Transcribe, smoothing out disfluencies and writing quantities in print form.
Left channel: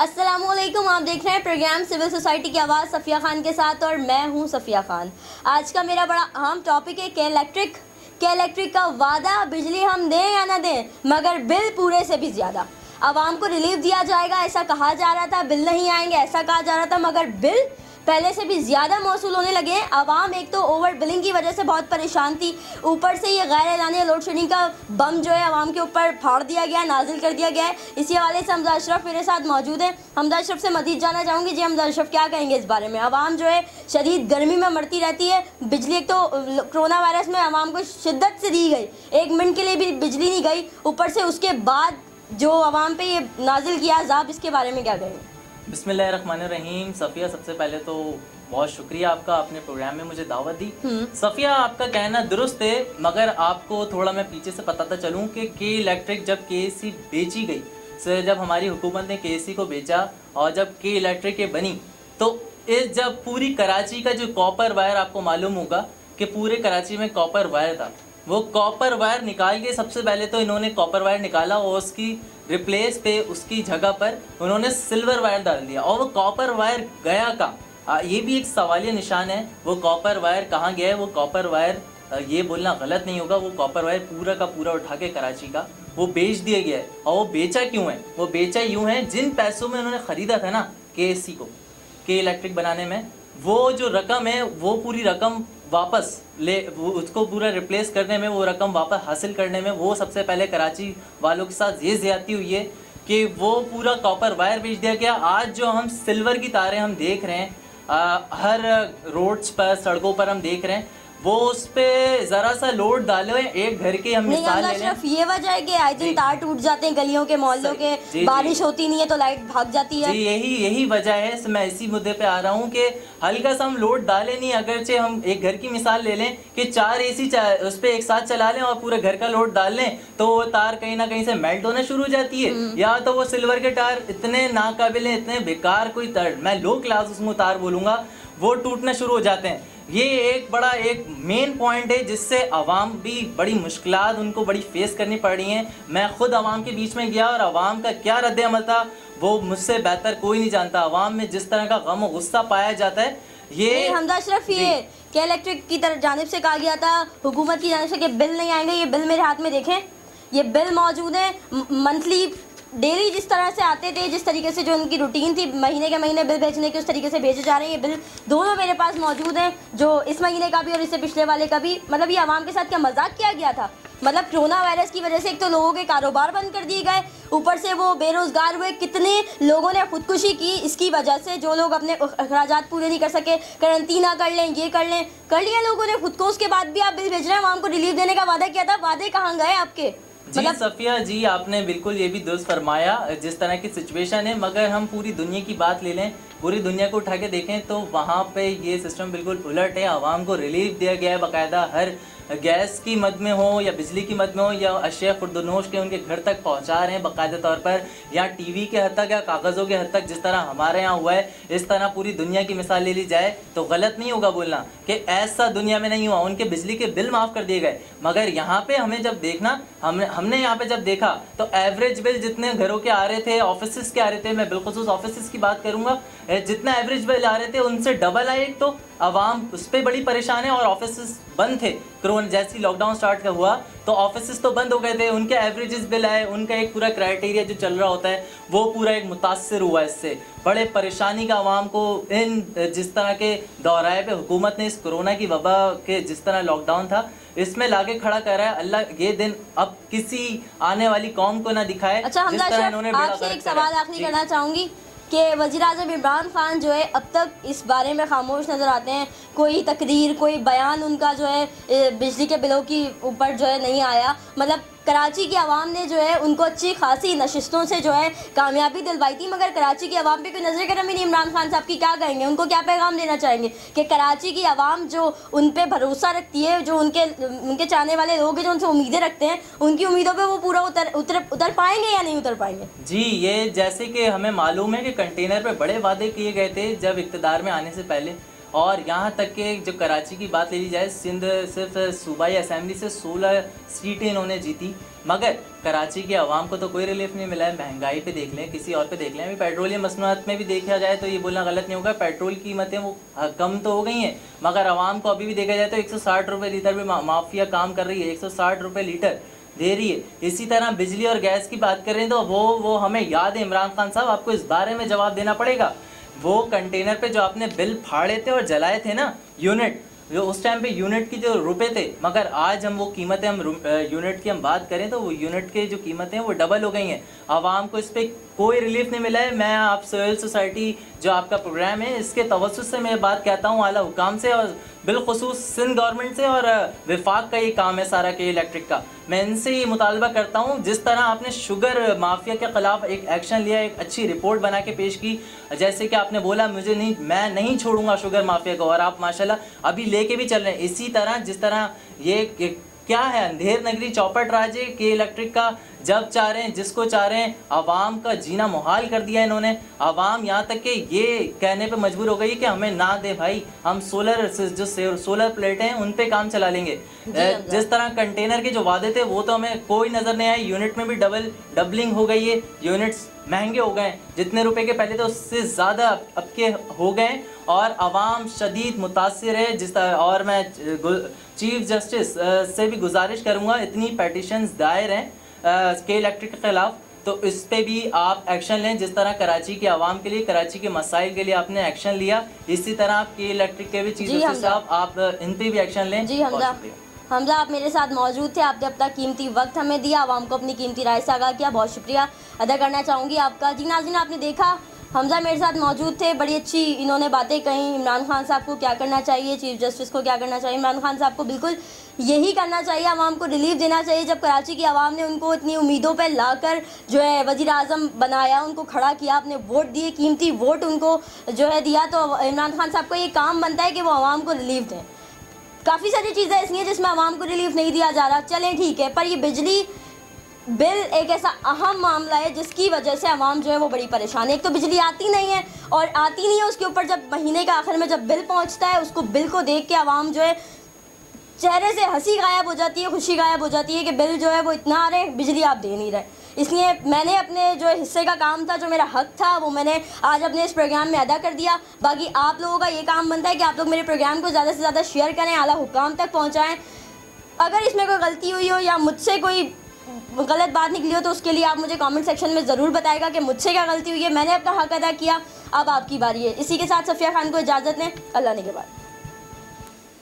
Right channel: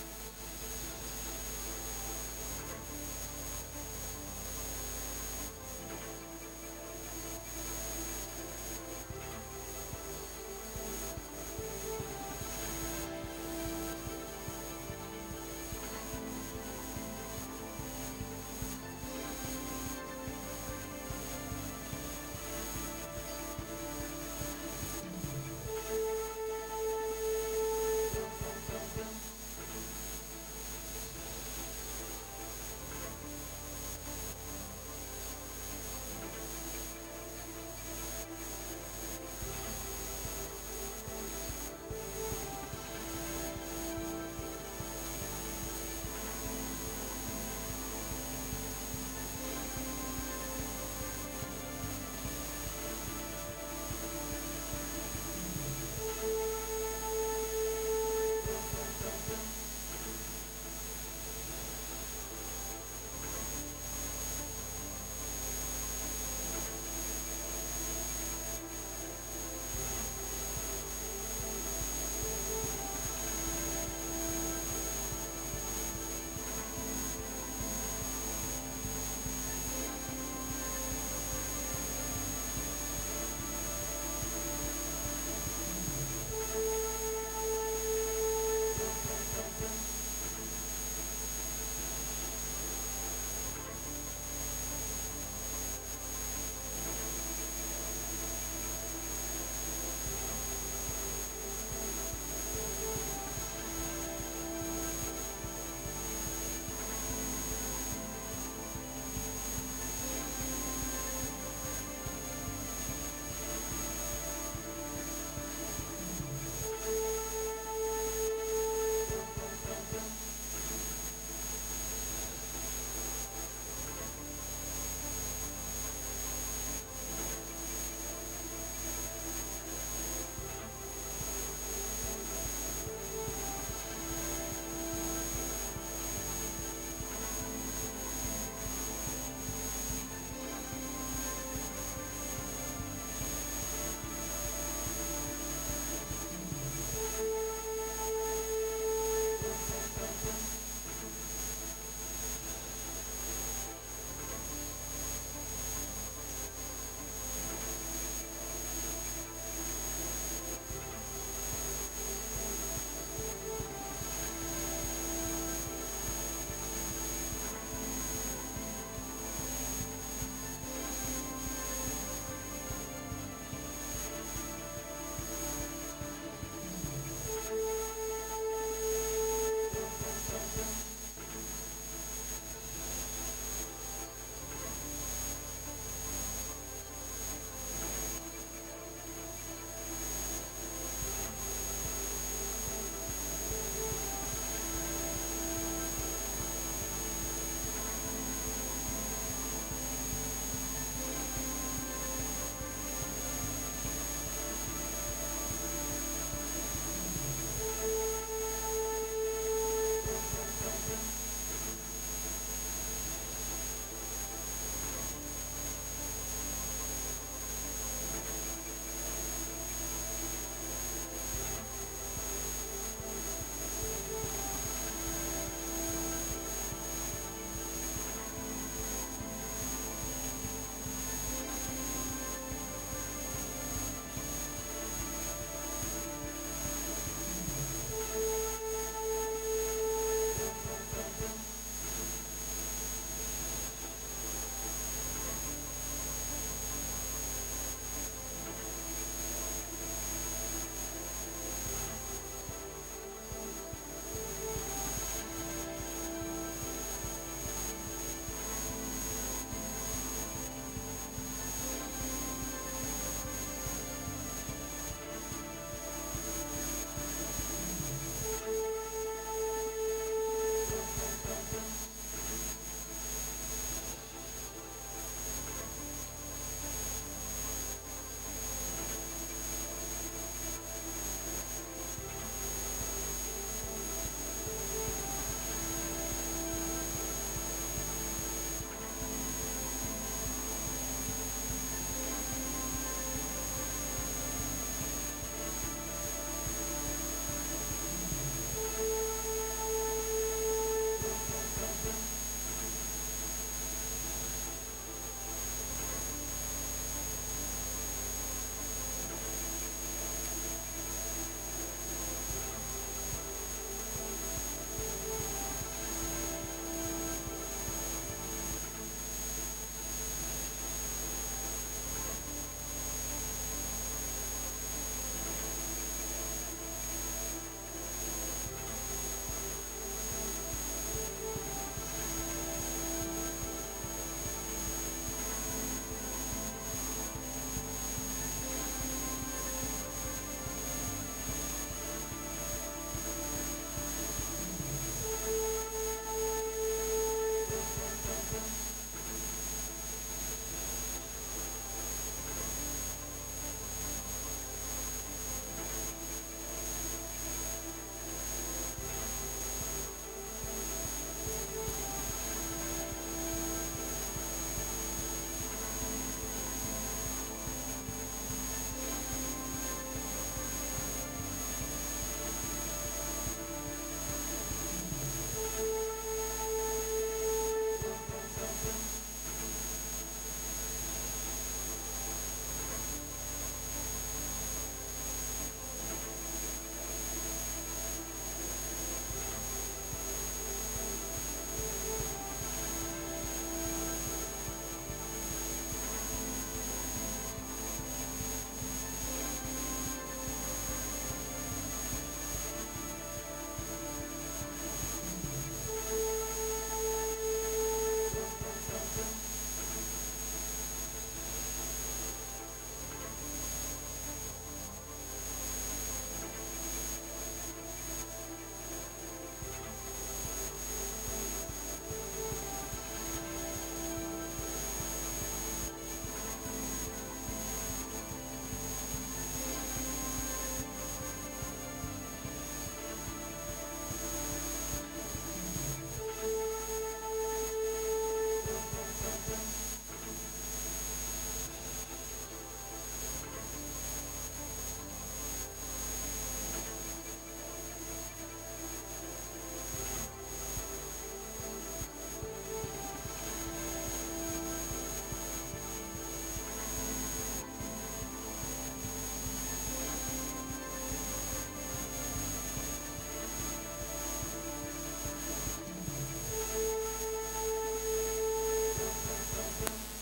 अस्सलाम वालेकुम, आप देख रहे हैं प्रोग्राम सिविल सोसाइटी की आवाज़ सफ़िया खान के साथ और मैं हूं सफ़िया खान। आज का मेरा बड़ा अहम टॉपिक है के इलेक्ट्रिक का वादा, बिजली हम दें या ना दें मगर बिल पूरे से भी ज़्यादा। आवाम को रिलीफ दिया जाएगा ऐसा कहा जा रहा था, बिल नहीं आएंगे ऐसा कहा जा रहा था, मगर बिल पहले से भी ज़्यादा मौसूल होने लगे हैं। आवाम एक तो ओवर बिलिंग की वजह से बहुत परेशान थी, ऊपर से ये गैर एलानी लोड शेडिंग का बम जो है आवाम के ऊपर फाड़ दिया गया है, नाजिल कर दिया गया है। इसी हवाले से हमजा अशरफ मेरे साथ मौजूद हैं। हमजा अशरफ से मज़ीद जानना चाहूँगी। जी हमजा अशरफ, क्या कहेंगे इस बारे में? आवाम जो है शदीद गर्मी में मरती रहती है, बिजली एक तो कोरोना वायरस में आवाम को शिद्दत से दी गई, 1 मिनट के लिए भी बिजली नहीं गई, ऊपर से उसके बाद जो आवाम पे ये नाजिल किया अज़ाब, इसके बारे में क्या कहेंगे? बिस्मिल्लाहिर्रहमानिर्रहीम। सफ़िया, सबसे पहले तो बहुत शुक्रिया आपका, आपने प्रोग्राम में मुझे दावत दी। सफ़िया, आपका कहना दुरुस्त है, मगर आपको थोड़ा मैं पीछे से बताता चलूँ कि के इलेक्ट्रिक जब केएससी बेची गई, सर जब हमारी हुकूमत ने केएससी को बेचा और जब के इलेक्ट्रिक के बनी, तो इस जब पूरी कराची का जो कॉपर वायर, आपको मालूम होगा कि पूरे कराची में कॉपर वायर था, वो कॉपर वायर निकाल के सबसे पहले तो इन्होंने कॉपर वायर निकाला और उसकी रिप्लेस पे उसकी जगह पर उन्होंने सिल्वर वायर डाल दिया। और वो कॉपर वायर गया कहाँ, ये भी एक सवालिया निशान है। वो कॉपर वायर कहाँ गया है? वो कॉपर वायर, ये बोलना गलत नहीं होगा, वो कॉपर वायर पूरा का पूरा उठा के कराची का वो बेच दिया गया है। और वो बेचा क्यों है? वो बेचा यूँ है, जिन पैसों में उन्होंने ख़रीदा था ना केएससी को, के इलेक्ट्रिक बनाने में, वो जो रकम है वो पूरी रकम वापस ले, वो उसको पूरा रिप्लेस करने में, वो रकम वापस हासिल करने में, वो सबसे पहले कराची वालों के साथ ये ज़्यादती हुई है कि वो पूरा कॉपर वायर बेच दिया गया। आज जो हम सिल्वर की तारें हम देख रहे हैं, हर रोड्स पर, सड़कों पर हम देख रहे हैं, वो उस पे ज़रा सा लोड डाले हुए एक घर के हम मिसाल ले लें। ये वजह है कि आए दिन तार टूट जाते हैं गलियों के, मोहल्लों के, बारिश होती नहीं है तो लाइट भाग जाती है। जी, यही वजह है। मैं इसी मुद्दे पे आ रहा हूँ कि हल्का सा हम लोड डालें नहीं, अगरचे हम एक घर की मिसाल ले लें कि 4 एसी उस पर एक साथ चला लें और पूरे घर का लोड डाल लें, तो वो तार कहीं ना कहीं से मेल्ट होना शुरू हो जाती है। या तो वो सिल्वर के तार इतने नाकाबिल हैं, इतने बेकार, कोई तार, मैं लो क्लास उसमें तार बोलूँगा, वो टूटना शुरू हो जाते हैं। ये एक मेन पॉइंट है जिससे आवाम भी बड़ी मुश्किलात उनको बड़ी फेस करनी पड़ रही हैं। मैं खुद आवाम के बीच में गया और आवाम का क्या रद्द अमल था वो मुझसे बेहतर कोई नहीं जानता। आवाम में जिस तरह का गम और गुस्सा पाया जाता है, ये हमजा अशरफ, ये के इलेक्ट्रिक की तरफ जानिब से कहा गया था, हुकूमत की जानिब से, कि बिल नहीं आएंगे। ये बिल मेरे हाथ में देखें, ये बिल मौजूद है। मंथली, डेली जिस तरह से आते थे, जिस तरीके से जो उनकी रूटीन थी महीने के महीने बिल भेजने की, उस तरीके से भेजे जा रहे हैं। ये बिल दोनों मेरे पास मौजूद हैं, जो इस महीने का भी और इससे पिछले वाले का भी। मतलब ये आवाम के साथ क्या मजाक किया गया था? मतलब कोरोना वायरस की वजह से एक तो लोगों के कारोबार बंद कर दिए गए, ऊपर से वो बेरोज़गार हुए। कितने लोगों ने खुदकुशी की इसकी वजह से, जो लोग अपने अखराजात पूरे नहीं कर सके, करंटीना कर लें, ये कर लें, कर लिया लोगों ने खुद को। उसके बाद भी आप बिल भेज रहे हैं। आवाम को रिलीफ देने का वादा किया था, वादे कहाँ गए आपके? जी सफ़िया जी, आपने बिल्कुल ये भी दुरुस्त फरमाया, जिस तरह की सिचुएशन है। मगर हम पूरी दुनिया की बात ले लें, पूरी दुनिया को उठा के देखें तो वहाँ पे ये सिस्टम बिल्कुल उलट है। आवाम को रिलीफ दिया गया है बाकायदा, हर गैस की मद में हो या बिजली की मद में हो या अशिया खुर्दनोश के उनके घर तक पहुँचा रहे हैं बाकायदा तौर पर, या टीवी के हद तक या कागज़ों के हद तक, जिस तरह हमारे यहाँ हुआ है, इस तरह पूरी दुनिया की मिसाल ले ली जाए तो गलत नहीं होगा बोलना कि ऐसा दुनिया में नहीं हुआ। उनके बिजली के बिल माफ़ कर दिए गए, मगर यहाँ पे हमें जब देखना, हमने यहाँ पे जब देखा तो एवरेज बिल जितने घरों के आ रहे थे, ऑफिस के आ रहे थे, मैं बिलखुसूस ऑफिस की बात करूँगा, जितना एवरेज बिल आ रहे थे उनसे डबल आए। तो आवाम उस पर बड़ी परेशान है और ऑफिस बंद थे। कोरोना जैसे ही लॉकडाउन स्टार्ट हुआ तो ऑफिस तो बंद हो गए थे, उनके एवरेजेस बिल आए, उनका एक पूरा क्राइटेरिया जो चल रहा होता है वो पूरा एक मुतासर हुआ। इससे बड़े परेशानी का आवाम को इन जिस तरह के दौराए पे हुकूमत ने इस कोरोना की वबा के जिस तरह लॉकडाउन था इसमें लाके खड़ा कर रहा है। अल्लाह ये दिन अब किसी आने वाली कौम को ना दिखाए। अच्छा हमजा अशरफ, आपसे एक सवाल आखिरी करना चाहूँगी कि वज़ीर-ए-आज़म इमरान खान जो है अब तक इस बारे में खामोश नज़र आते हैं। कोई तकरीर, कोई बयान उनका जो है बिजली के बिलों की ऊपर जो है नहीं आया। मतलब कराची की आवाम ने जो है उनको अच्छी खासी नशिस्तों से जो है कामयाबी दिलवाई थी, मगर कराची की आवाम पे कोई नजर करम ही नहीं। इमरान खान साहब की क्या कहेंगे? उनको क्या पैगाम देना चाहेंगे कि कराची की आवाम जो उन पे भरोसा रखती है, जो उनके चाहने वाले लोग हैं, जो उनसे उम्मीदें रखते हैं, उनकी उम्मीदों पे वो पूरा उतर पाएंगे या नहीं उतर पाएंगे? जी, ये जैसे कि हमें मालूम है कि कंटेनर पे बड़े वादे किए गए थे जब इक़्तिदार में आने से पहले, और यहाँ तक कि जो कराची की बात ले ली जाए, सिंध सिर्फ सूबाई असम्बली से 16 सीटें इन्होंने जीती। मगर कराची के आवाम को तो कोई रिलीफ नहीं मिला है। महंगाई पे देख लें, किसी और पे देख लें, अभी पेट्रोलियम मसनूआत में भी देखा जाए तो ये बोलना गलत नहीं होगा, पेट्रोल की कीमतें वो कम तो हो गई हैं, मगर आवाम को अभी भी देखा जाए तो 160 रुपये लीटर भी माफिया काम कर रही है, 160 रुपये लीटर दे रही है। इसी तरह बिजली और गैस की बात करें तो वो हमें याद है इमरान खान साहब, आपको इस बारे में जवाब देना पड़ेगा। वो कंटेनर पे जो आपने बिल फाड़े थे और जलाए थे ना, यूनिट, जो उस टाइम पे यूनिट की जो रुपए थे, मगर आज हम वो कीमतें, हम यूनिट की हम बात करें तो वो यूनिट के जो कीमतें हैं वो डबल हो गई हैं। आवाम को इस पर कोई रिलीफ नहीं मिला है। मैं आप सिविल सोसाइटी जो आपका प्रोग्राम है इसके तवज्जुह से मैं बात कहता हूँ आला हुकाम से और बिलखुसूस सिंध गवर्नमेंट से, और विफाक का ये काम है सारा के इलेक्ट्रिक का। मैं इनसे ये मुतालबा करता हूँ, जिस तरह आपने शुगर माफिया के ख़िलाफ़ एक एक्शन लिया, एक अच्छी रिपोर्ट बना के पेश की, जैसे कि आपने बोला मैं नहीं छोड़ूंगा शुगर माफिया को, और आप माशाल्लाह अभी लेके भी चल रहे हैं। इसी तरह जिस तरह ये क्या है, अंधेर नगरी चौपट राज है के इलेक्ट्रिक का, जब चाह रहे हैं जिसको चाह रहे हैं, आवाम का जीना मुहाल कर दिया इन्होंने। आवाम यहाँ तक कि ये कहने पे मजबूर हो गई कि हमें ना दे भाई, हम सोलर प्लेटें हैं उन पे काम चला लेंगे। जिस तरह कंटेनर के जो वादे थे वो तो हमें कोई नज़र नहीं आए। यूनिट में भी डबलिंग हो गई है, यूनिट्स महंगे हो गए, जितने रुपए के पहले थे उससे ज़्यादा अब के हो गए, और आवाम शदीद मुतासिर है। और मैं चीफ जस्टिस से भी गुजारिश करूँगा, इतनी पेटिशंस दायर हैं के इलेक्ट्रिक के ख़िलाफ़, तो इस पे भी आप एक्शन लें। जिस तरह कराची के आवाम के लिए, कराची के मसाइल के लिए आपने एक्शन लिया, इसी तरह आप के इलेक्ट्रिक के भी चीफ जस्टिस साहब आप इन पे भी एक्शन लें। जी हमजा आप मेरे साथ मौजूद थे, आपने अपना कीमती वक्त हमें दिया, आवाम को अपनी कीमती राय से आगाह किया, बहुत शुक्रिया अदा करना चाहूँगी आपका। जी नाज़रीन, आपने देखा हमजा मेरे साथ मौजूद थे, बड़ी अच्छी इन्होंने बातें कहीं। इमरान खान साहब को क्या करना चाहिए, चीफ जस्टिस को क्या करना चाहिए, इमरान खान साहब को बिल्कुल यही करना चाहिए, आवाम को रिलीफ देना चाहिए। जब कराची की आवाम ने उनको इतनी उम्मीदों पर लाकर जो है वज़ीर आज़म बनाया, उनको खड़ा किया, अपने वोट दिए, कीमती वोट उनको जो है दिया, तो इमरान खान साहब को ये काम बनता है कि वो आवाम को रिलीफ दें। काफ़ी सारी चीज़ें ऐसी हैं जिसमें आवाम को रिलीफ नहीं दिया जा रहा, चलें ठीक है, पर ये बिजली बिल एक ऐसा अहम मामला है जिसकी वजह से आवाम जो है वो बड़ी परेशान है। एक तो बिजली आती नहीं है, और आती नहीं है उसके ऊपर जब महीने के आखिर में जब बिल पहुंचता है, उसको बिल को देख के आवाम जो है चेहरे से हंसी गायब हो जाती है, खुशी गायब हो जाती है कि बिल जो है वो इतना आ रहे, बिजली आप दे नहीं रहे। इसलिए मैंने अपने जो हिस्से का काम था, जो मेरा हक था, वो मैंने आज अपने इस प्रोग्राम में अदा कर दिया। बाकी आप लोगों का ये काम बनता है कि आप लोग मेरे प्रोग्राम को ज़्यादा से ज़्यादा शेयर करें, आला हुकाम तक पहुँचाएँ। अगर इसमें कोई गलती हुई हो या मुझसे कोई गलत बात निकली हो तो उसके लिए आप मुझे कमेंट सेक्शन में ज़रूर बताएगा कि मुझसे क्या गलती हुई है, मैंने अपना हक अदा किया, अब आपकी बारी है। इसी के साथ सफिया खान को इजाज़त दें, अल्लाह ने के बाद।